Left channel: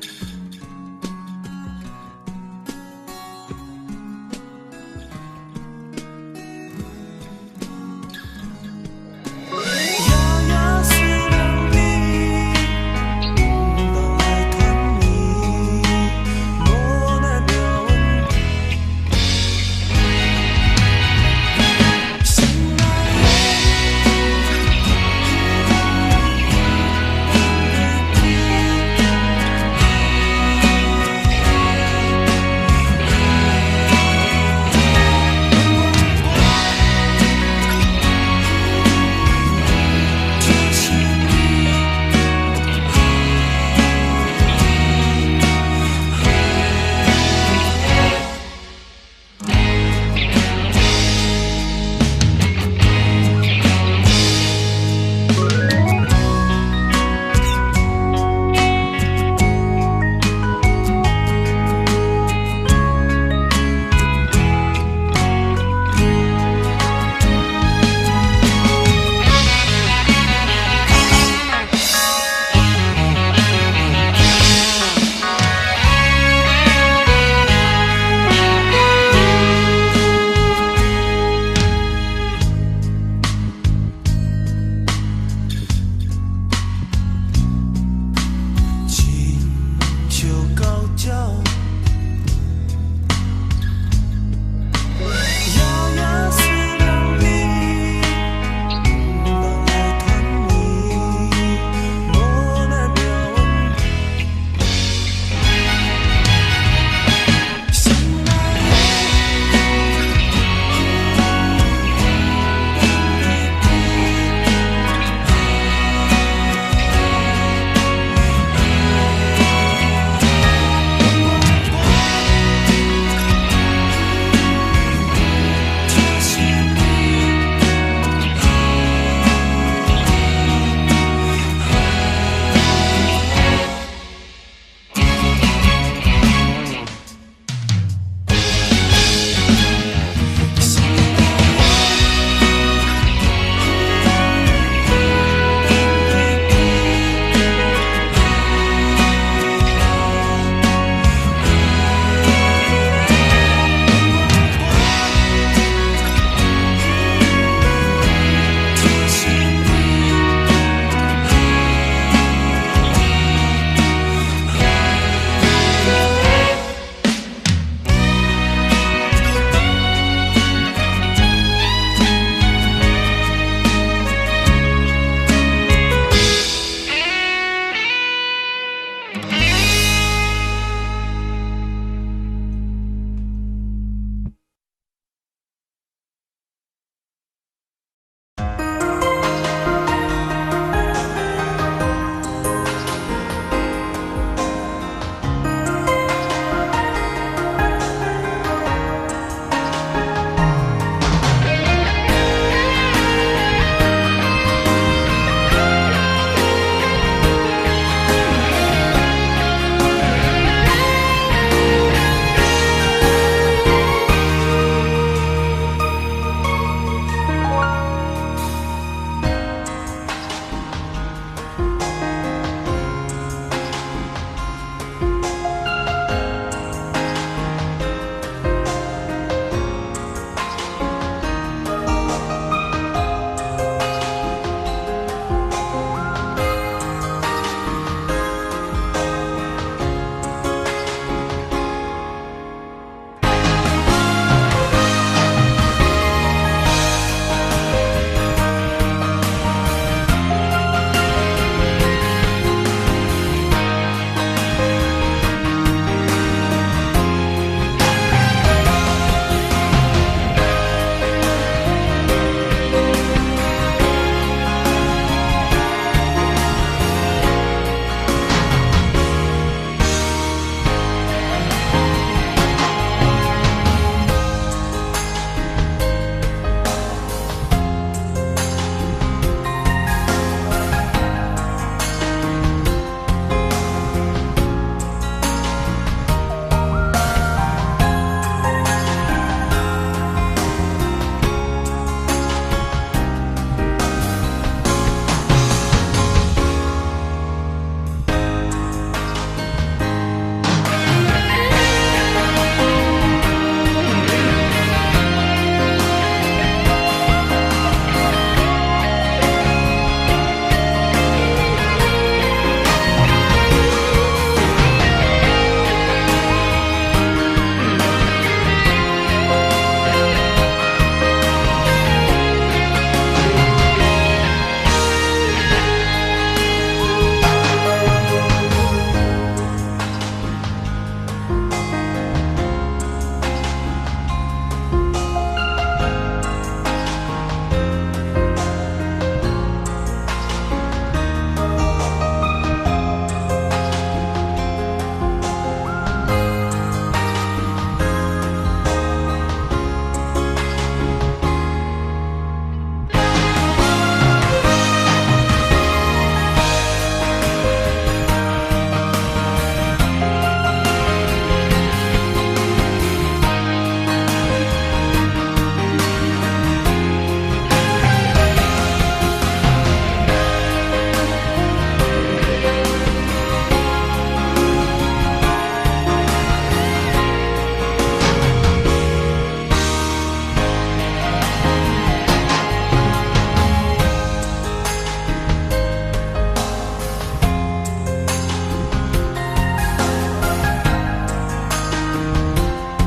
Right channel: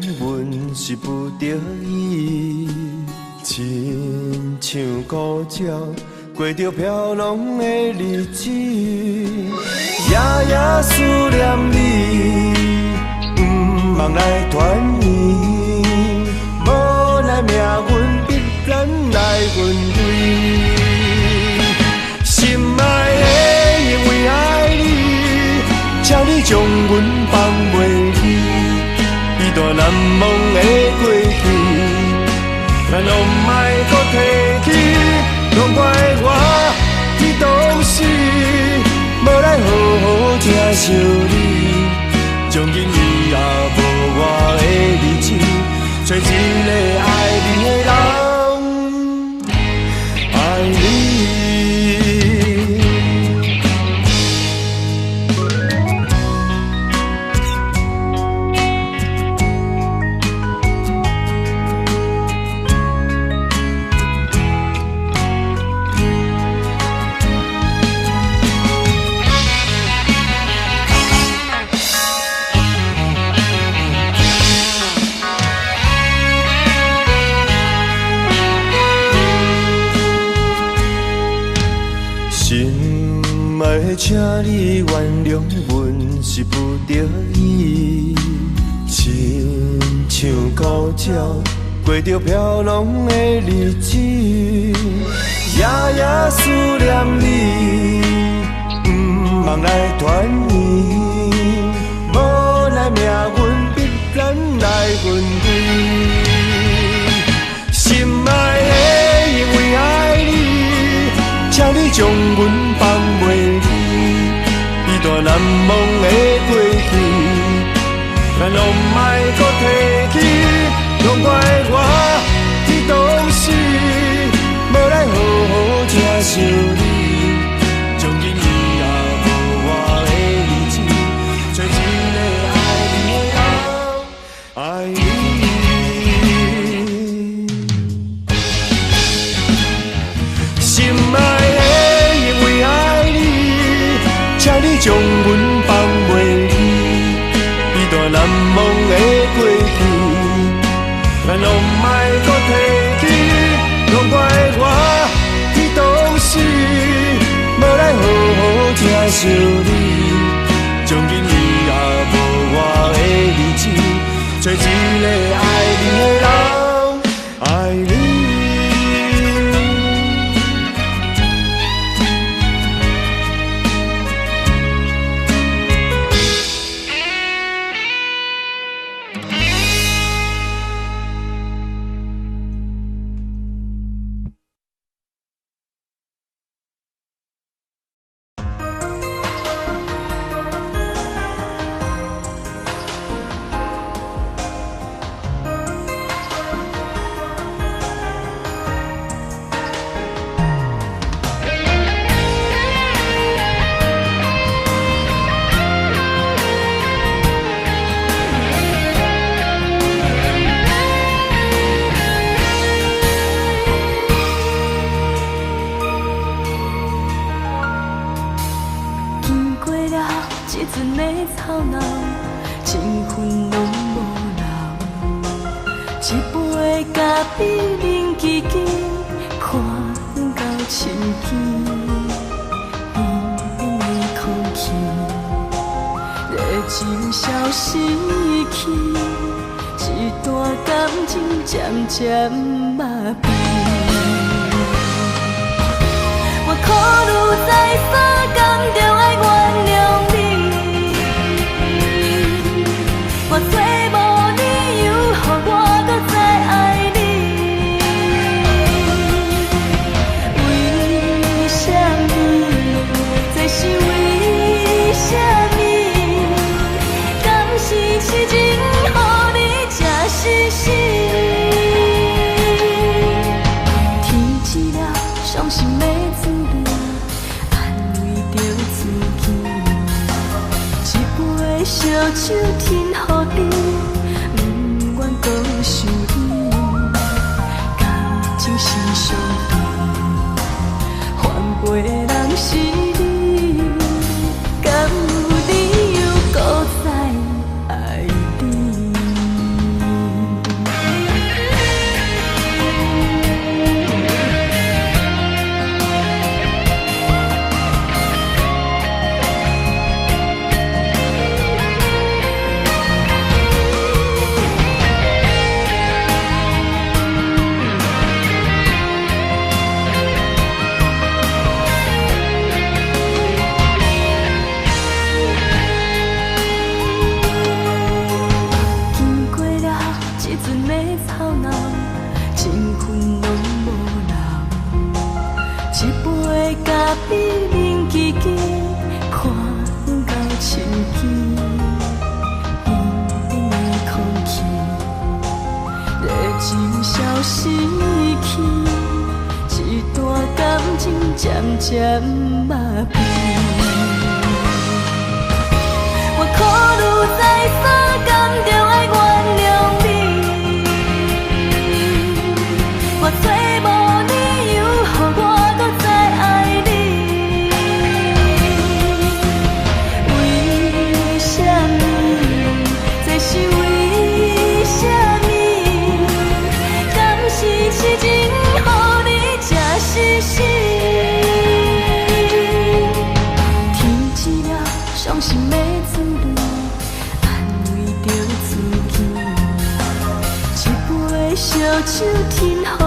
阮是不得已，亲像孤鸟，过着飘浪的日子，夜夜思念你，不望来团圆，无奈命运必然来分开。心爱的，因为爱你，请你将阮放袂离，彼段难忘的过去，咱拢莫搁提起。拢怪我伫当时，无来好好疼惜你，从今以后无我的日子，找一个爱你的人，爱你。请你原谅阮是不得已，亲像孤鸟，过着飘浪的日子，夜夜思念你，不望来团圆，无奈命运必然来分开。心爱的，因为爱你，请你将阮放袂离。难忘的过去，咱拢莫搁提起。拢怪我伫当时，无来好好疼惜你，从今以后无我的日子，找一个爱你的人，爱你。心爱的，因为爱你，请你将阮放袂离，彼段难忘的过去，咱拢莫搁提起。拢怪我伫当时，无来好好疼惜你，从今以后无我的日子，找一个爱你的人，爱你。是情，予你真实实。小手天雨。